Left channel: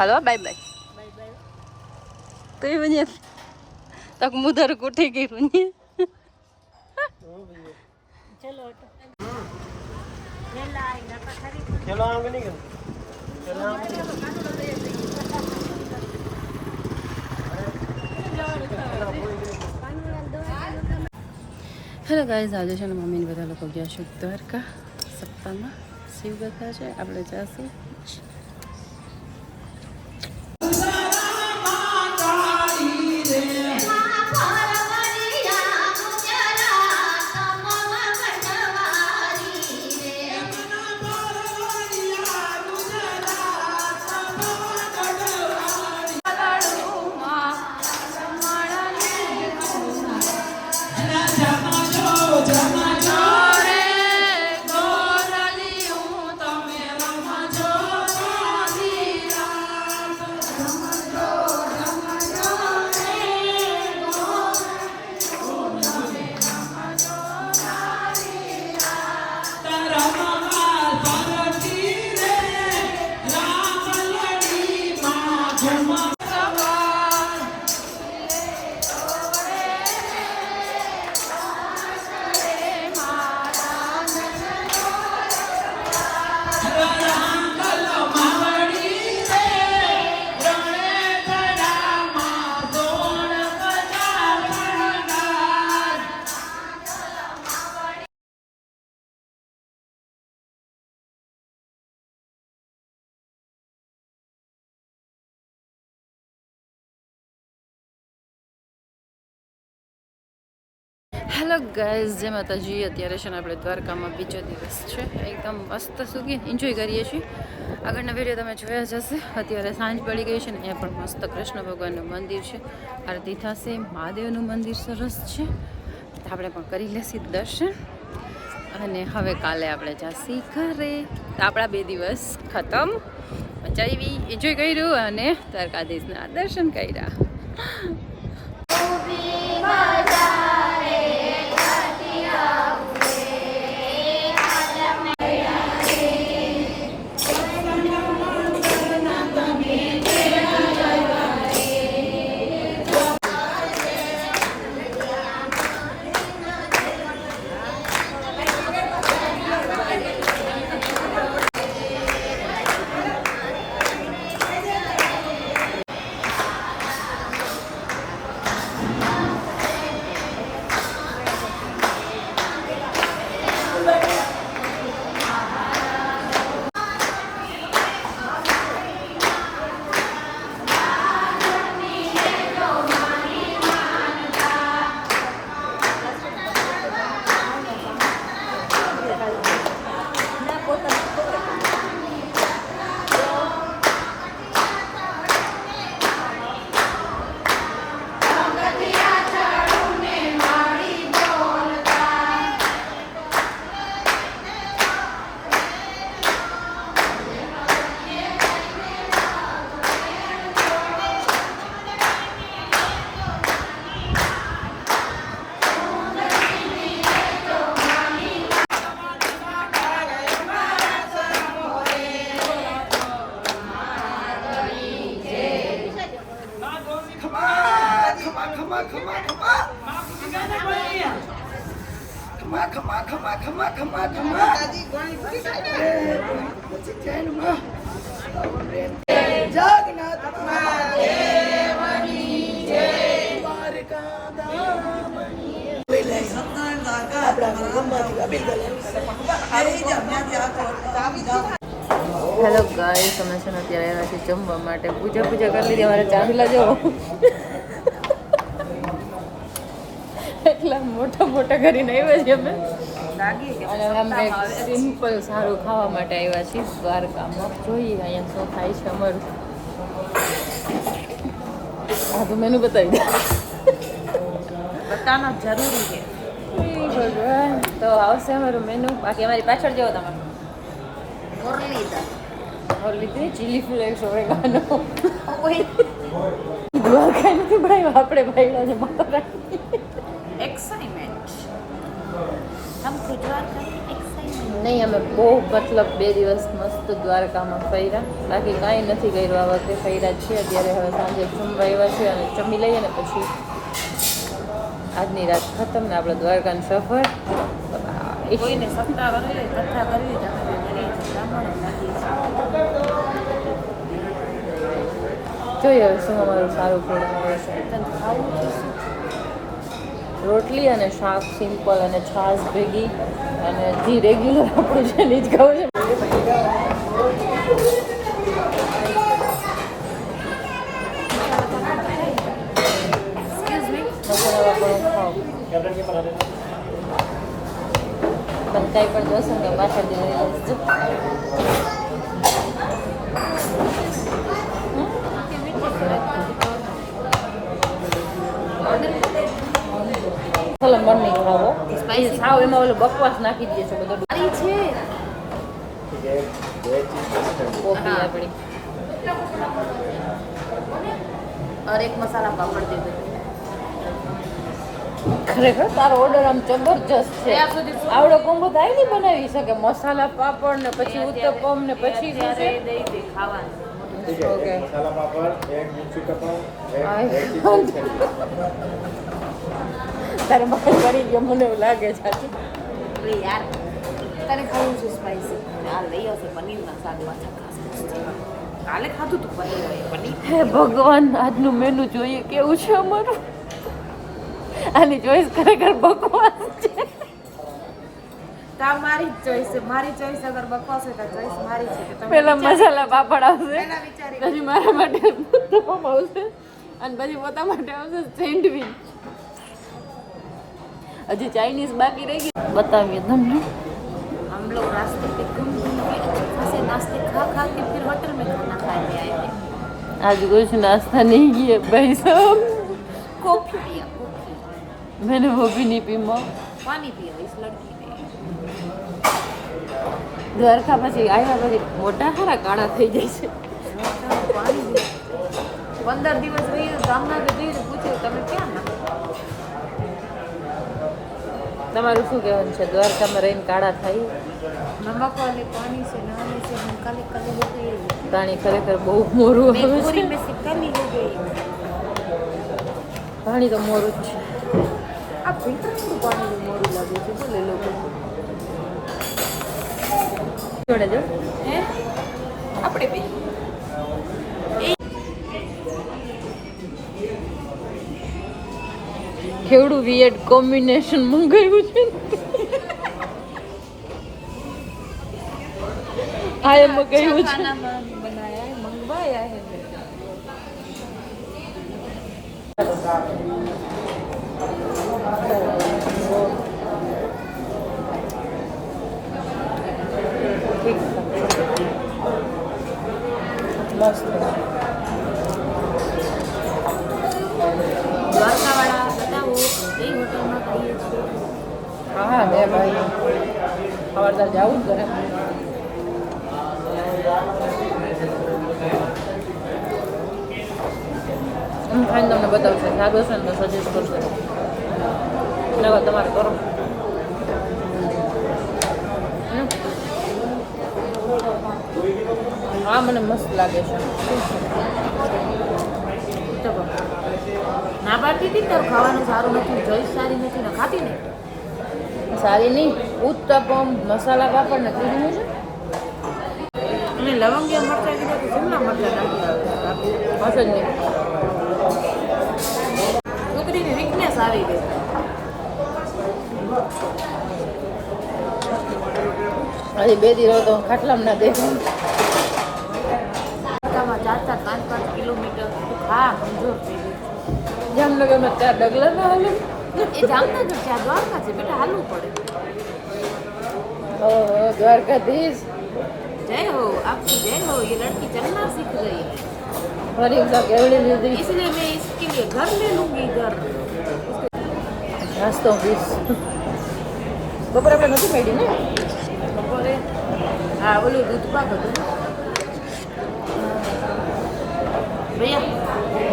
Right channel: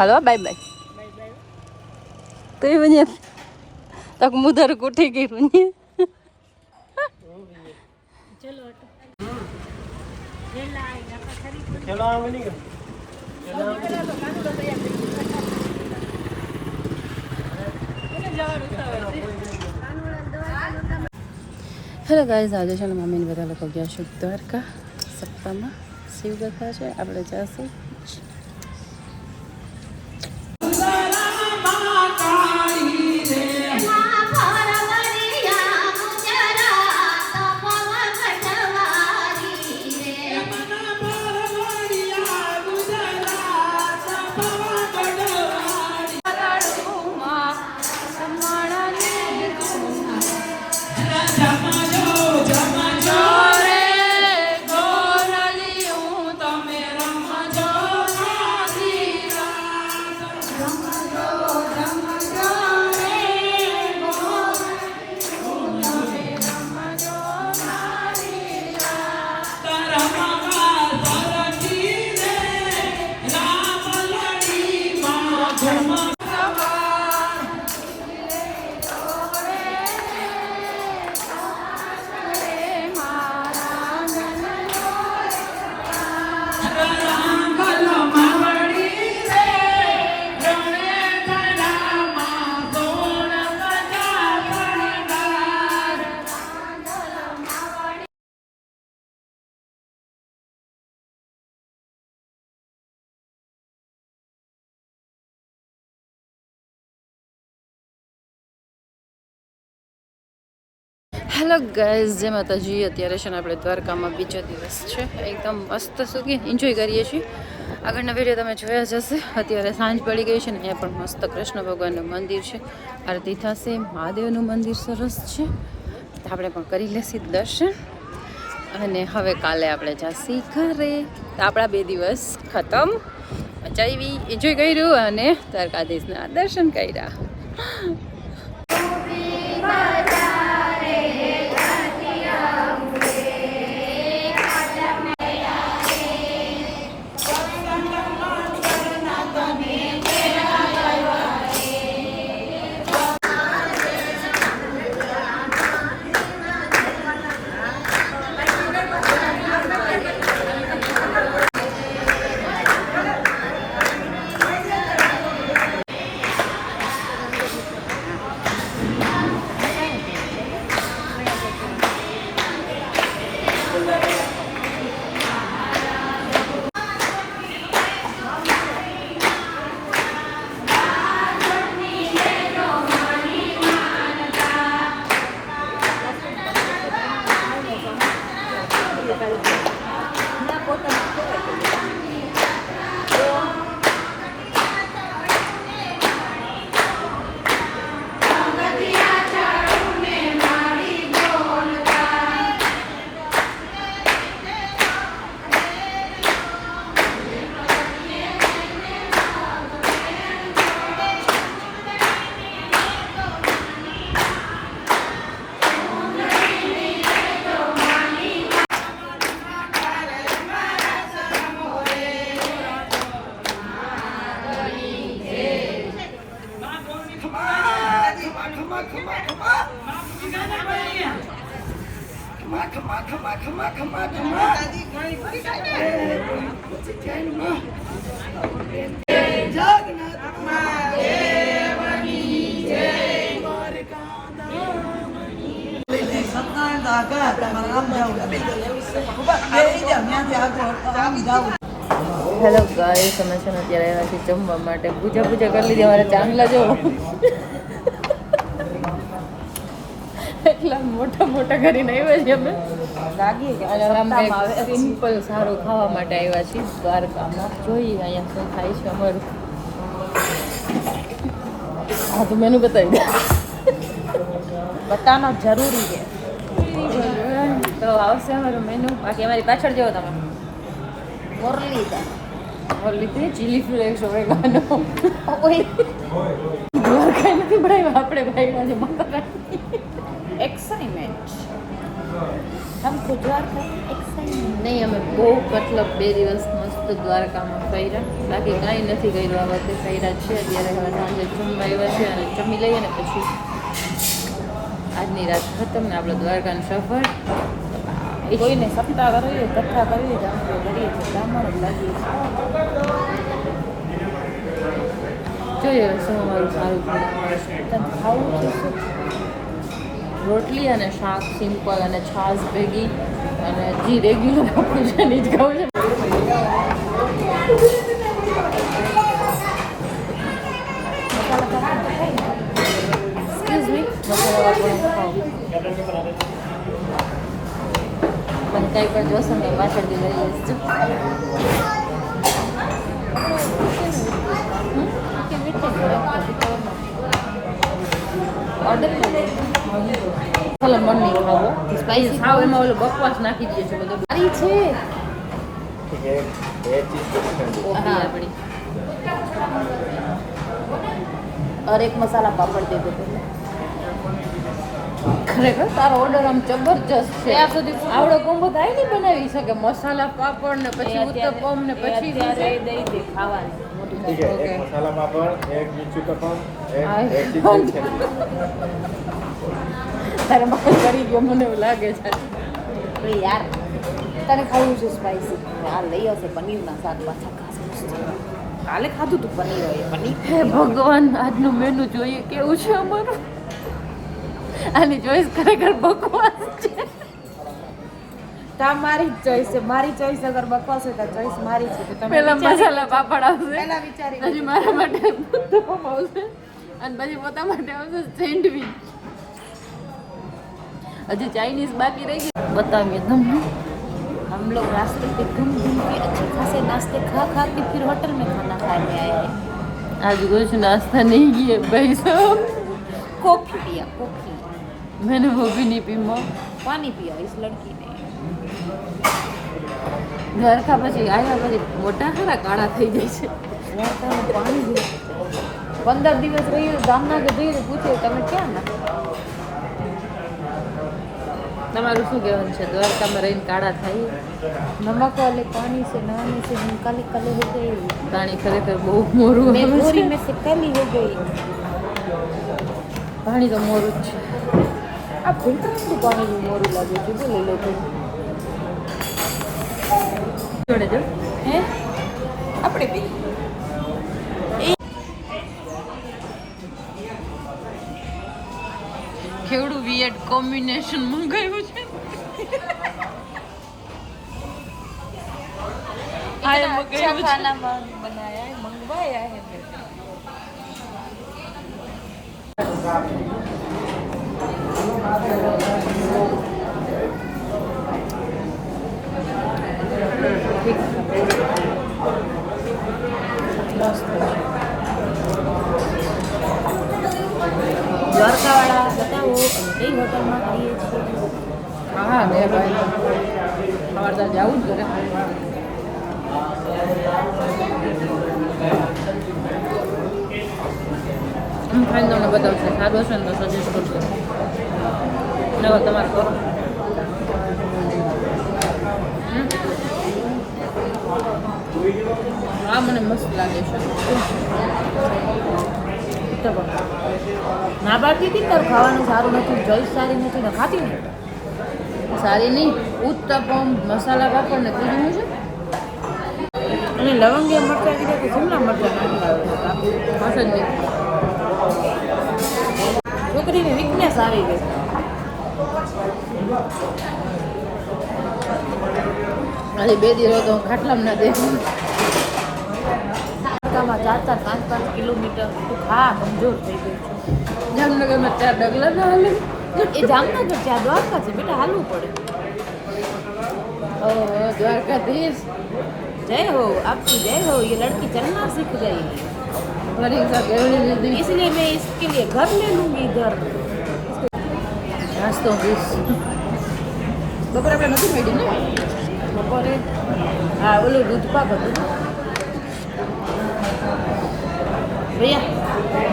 Hello bye bye तो ये बनिए तक मुधर को ठीक ही बनिए चलो ये लाई ना पथरी चलो आम नहीं चलो हेलो गाइस आज છે ને મમ્મીને બધા લોકો ગયા છે દ્વારકા સપ્તાહમાં શિવકથા છે આપણે જાશું હેલો ગાઈઝ જય માતાજી અત્યારે છે ને આપણે દ્વારકામાં બીજો દિવસ છે એકદમ મસ્ત સુખી એન્જોય કરીએ છીએ આગળના વિડીયો તમે જોયા જ હશે અત્યારે સાંજ પડી ગઈ છે ને અહીંયા પણ મસ્ત કૃષ્ણ ભગવાનનું મંદિર છે આરતી થશે મહાદેવનું મંદિર સરસ છે તો આપણે પણ કરી લેશી દર્શન અને હવે કાલે આપણે જાશી ઘરે તો આપણા 2 દિવસ ખતમ મજા આવી એન્જોય કર્યું અને દ્વારકાધીશના દર્શન કર્યા હેલો ગાઈસ અમે છે ને અત્યારે આવ્યા છીએ જમવા માટે પૂજા કરી લીધી અમારે ચાંદલા જો એટલા મોટા કરીને આવ્યા છીએ અમે અને અમે સિમ્પલ સારું ખાવા માટે આવ્યા છીએ દ્વારકામાં જોઈએ અહીંયા શું થાય છે અમારું હા તો મેનુ બતાવી દે બતાવવાનું જરૂરી છે તો આવશે અમારું મેનુ બાકી અમારી પાછળ જેવો તમે ઓરલીધે ચીલી ફ્લેક્સ ઓરેગાનો દ્વારકા નથી બનાવ્યા આપણે ભાઈડા છે માતા એક્સાઇટમેન્ટ हमको द्वारका एक्साइटमेंट નહીં અમે બહુ મતલબ 2 દિવસ મસ્ત દ્વારકામાં ફર્યા, બાકી કાંઈ નથી કર્યું આ વખતે. ફર્યા જ છે. અત્યારે હવે સાંજે જમવા આવ્યા છે અને જમી લઈએ ને પછી આજની રાત ખતમ ને આપણો દ્વારકાનો સફર. કોઈને સપ્તાહ કરીએ કથા કરીએ તો અમે કરીએ છીએ બ્રાહ્મણ જ લાગીએ છીએ. જોઈએ હવે શું અમારું સારું ખવડાવે છે. તને ખાવું છે શું? રોટલી અને શાક સિમ્પલ અને છાશ ભેગી અને ઘી રેગ્યુલર આપણું છે ને જ ખાવું છે. મસાલા વાપરવાનું ખાવ. મને કાંઈ પણ જોશે ને તો પાછળથી લઈ લઈશ. જો ચાલો મન નહીં ખાવો. સ્પાઈસી ખાવ એમાં ઓલો બકવાસ નાખી દે છે બધું. સારી છે કોફી આપણી. और एक मसाला पापड़ दे दो. ખરેખર તારો ઓર્ડર આમ જબરજસ્ત છે. ત્યાં સુધી આવડો કોમ્બો થાય નહીં બનાવી શકે. મસાલા પાપડ ને પછી ઉત્તપમ ને પછી ત્યારે દઈ દે ખાવાનું. ઓકે તારે માલ કરી ગયો મને એવું લાગે છે. એ યાર તને ખાવું છે સ્પાઈસી? આ લઈ આવશે પનીરના શાક પાછા ખાસ કાલે ખાધું તું પનીર આવ્યું પનીર. હે ભગવાન, આજનું મેનુ જોઈએ કેવું છે અમારું. આની ચોઈસ ખરેખર બકવાસ છે. તા મારી જ ચોઈસ છે. મારી ચોઈસ અગર બકવાસ હોય તો ચોઈસ મારી છે. તો તમે પેલા મસાલા પાપડ આવશે, પહેલા વિચારી પછી મારા માટે ઉત્તપમ આવશે અને પછી પોતા માટે આવશે સેન્ડવિચ. હજી ચાઇનીઝ બાકી રહી ગઈ. બતાવીએ તમને. हम लोग रास्ते पे घूम घूम के अच्छे खासे नाश्ते खा खा के फिर होटल में खाना खाने आए. आज कुछ नाश्ता नहीं किए भाई साहब. कॉफी पिया कॉफी. मैंने वो भी नहीं पी. माँ पानी पिया इस लड़की ने. દ્વારકા પછી આવ્યા પછી મોટા ખરા કાળા થઈ જાય છે. દ્વારકાનું પાણી 15 દિવસ રહીએ ગામના કે જઈને પૂછે તમે ક્યાં ના. તમારું શું કહેવાનું છે? દ્વારકામાં રહીને કાળા થાય? नमक वाले पानी से नहाने से हम काले काले हो गए. પાણી ખરેખર બહુ મોરું मैं આવે गोरी છે. में से काली हो गई. પાણી તો મોરું જ છે. આ ફિલ્ટરનું પાણી મોરું લાગે છે બોલે લોકો. જોડે જો હે આપણે બે કેવડું વિયર્ડ કોમ્બિનેશન મંગાવ્યું છે. હા એ મંગાવ્યું છે. ખાનામાં બનાયા હે મંગાયા હે. મસ્ત. દ્વારકાવાળા બતાવો અમે કઈ હોટલમાં ખાઈએ છીએ. હા ને ભાઈ સવાર તાર જવું જ કરે. આમ ખાઈને તમને બતાવશે. સાદો છે ને તો સજેસ્ટ કરશે. નવા તમારે કરો. આ મને મસ્ત લાગે છે. ઉત્તપમ ના પાડતી હતી તારું ખાવાનું સારું નથી ચોઈસ સારી નથી ને ખાતી ને. સારી નહીં. ઉત્તપમ મસાલા પાપડ ને ત્રીજું શું છે? અને લવંગિયા મરચાં કીધા તો શિમલા મરચાં નાખી આવે છે કાપી. હશે જ નહીં. છોકરીને વીકનેસ આવી ગઈ. હજી 2 દી રહો તો હું ખાટલામાં ના દેવું. દ્વારકામાં 4-4, 5-5 કિલોમીટર તું ખા કમજોર થઈ ગઈ. જામનગરમાં 4 ડગલા ના હાલે. એ જામનગર છે આ દ્વારકા છે બેટા હાલવું પડે. ઓહો દ્વારકાધીશ. जय हो आपकी जय हो. ये लड़की चलना सीख गई પરીક્ષા કેવડી લીધી. इसलिए मैं इसके लिए घर ले लूंगी घर. નાસ્તો વીસ. બપોરે આપણે નથી મેડી ને. બપોરે હા ઓલું દૂધ પાક હતું. भैया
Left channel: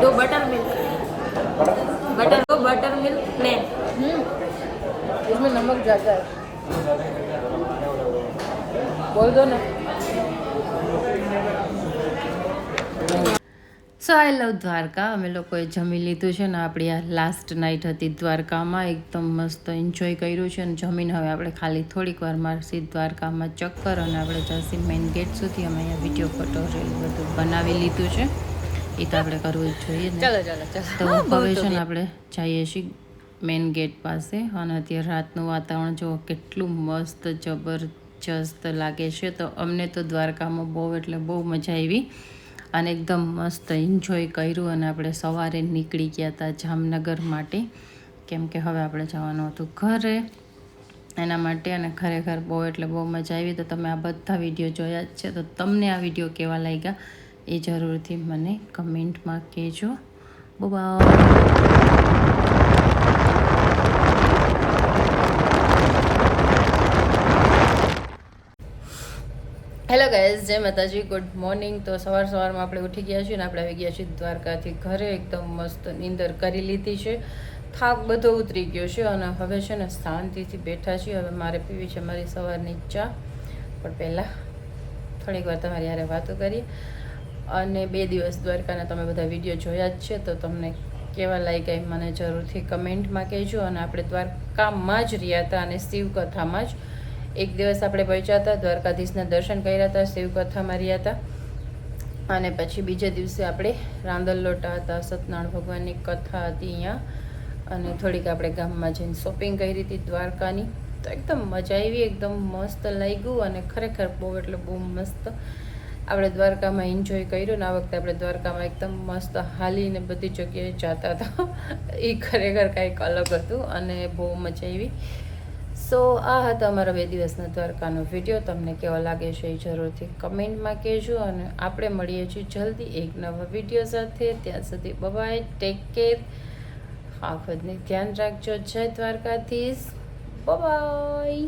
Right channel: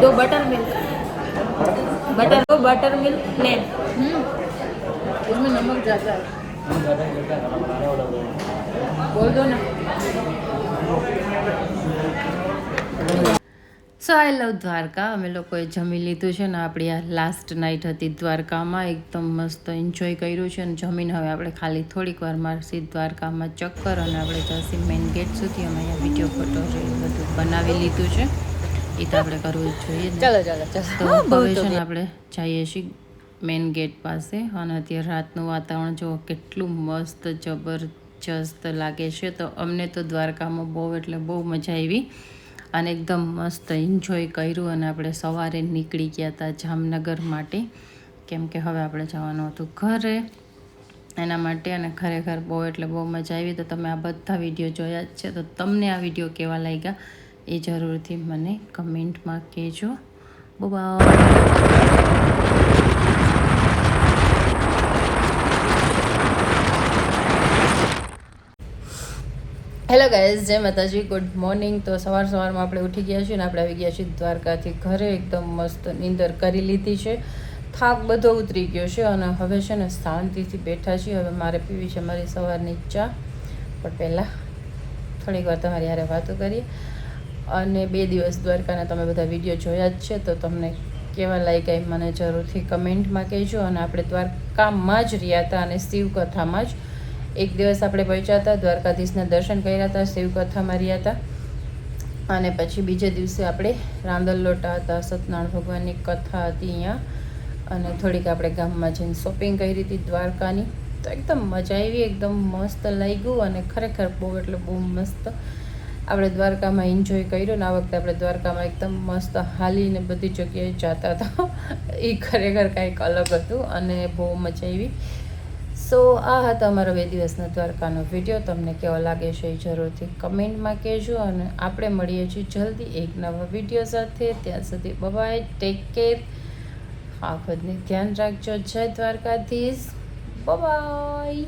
2 butter milk. Butter milk plain. इसमें नमक ज़्यादा है. બોલ દો ને. સો આઈ લવ દ્વારકા. અમે લોકોએ જમી લીધું છે ને, આપણી આ લાસ્ટ નાઇટ હતી દ્વારકામાં. એકદમ મસ્ત એન્જોય કર્યું છે અને જમીન હવે આપણે ખાલી થોડીક વાર મારસી દ્વારકામાં ચક્કર અને આપણે જઈશું મેઇન ગેટ સુધી. અમે અહીંયા વિડીયો ફોટો રીલ બધું બનાવી લીધું છે, એ તો આપણે કરવું જ જોઈએ ને. ચાલો ચાલો ચાલો. તો હવે છે ને આપણે જઈએ છીએ મેઇન ગેટ પાસે અને અત્યારે રાતનું વાતાવરણ જો કેટલું મસ્ત જબરજસ્ત લાગે છે. તો અમને તો દ્વારકામાં બહુ એટલે બહુ મજા આવી અને એકદમ મસ્ત એન્જોય કર્યું અને આપણે સવારે નીકળી ગયા હતા જામનગર માટે, કેમ કે હવે આપણે જવાનું હતું ઘરે એના માટે. અને ખરેખર બહુ એટલે બહુ મજા આવી. તો તમે આ બધા વિડીયો જોયા જ છે, તો તમને આ વિડીયો કેવા લાગ્યા એ જરૂરથી મને કમેન્ટમાં કહેજો. બાય. હેલો ગાઈઝ, જય માતાજી, ગુડ મોર્નિંગ. તો સવારમાં આપણે ઉઠી ગયા છીએ ને આપણે આવી ગયા છીએ દ્વારકાથી ઘરે. એકદમ મસ્ત નીંદર કરી લીધી છે, થાક બધો ઉતરી ગયો છે અને હવે છે ને શાંતિથી બેઠા છીએ. હવે મારે પીવી છે મારી સવારની ચા, પણ પહેલાં થોડીક વાર તમારી હારે વાતો કરીએ. અને 2 દિવસ દ્વારકાના તમે બધા વિડીયો જોયા જ છે, તો તમને કેવા લાગ્યા એ મને જરૂરથી કમેન્ટમાં કહેજો. અને આપણે દ્વારકામાં જ રહ્યા હતા અને શિવકથામાં જ એક દિવસ આપણે પહોંચ્યા હતા, દ્વારકાધીશના દર્શન કર્યા હતા, શિવકથામાં રહ્યા હતા. અને પછી બીજે દિવસે આપણે રાંદલ લોટા હતા, સત્યનારાયણ ભગવાનની કથા હતી અહીંયા. અને થોડીક આપણે ગામમાં જઈને શોપિંગ કરી હતી દ્વારકાની. તો એકદમ મજા આવી, એકદમ મસ્ત લાગ્યું અને ખરેખર બહુ એટલે બહુ મસ્ત આપણે દ્વારકામાં એન્જોય કર્યું. ને આ વખતે આપણે દ્વારકામાં એકદમ મસ્ત હાલીને બધી જગ્યાએ જતા હતા. એ ખરેખર કંઈક અલગ હતું અને બહુ મજા આવી. સો આ હતો અમારો 2 દિવસનો દ્વારકાનો વિડીયો. તમને કેવો લાગે છે એ જરૂરથી કમેન્ટમાં કહેજો. અને આપણે મળીએ છીએ જલ્દી એક નવા વિડીયો સાથે. ત્યાં સુધી બાય, ટેક કેર, આ ખુદને ધ્યાન રાખજો. જય દ્વારકાધીશ, બાય.